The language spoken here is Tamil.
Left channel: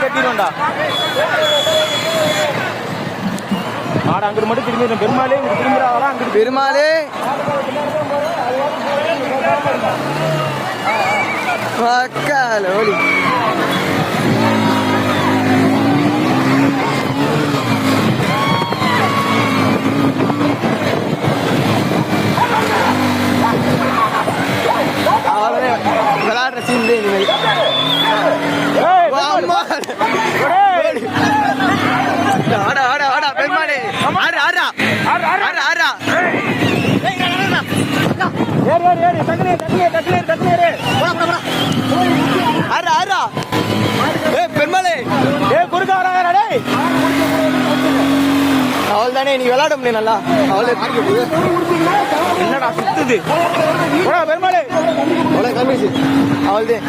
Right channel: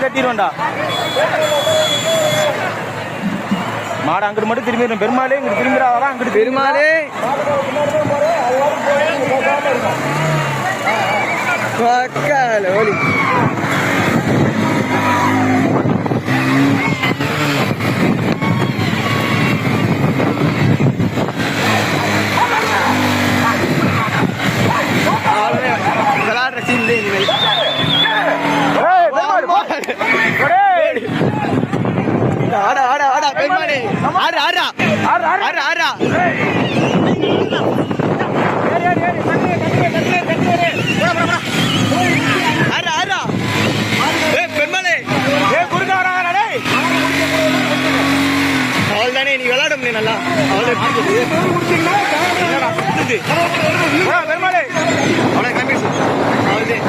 கட்டிடும்டா மாடு அங்கிட்டு மட்டும் திரும்பிடும். பெருமாளே இங்கிட்டு திரும்பிடாதான் அங்கிட்டு பெருமாளே மக்களோலி விளையாடுற சீன் இனிமேல் ஆடா ஆடா ஆடா பெருமாளே ஆடா ஆடா ஆடா ஆடா ஆடா ஆடா பெருமாளே அவள் தானே நீ விளையாட முடியும் நல்லா அவளை அவ்வளோ கிளம்பிடுச்சு அவள் தான்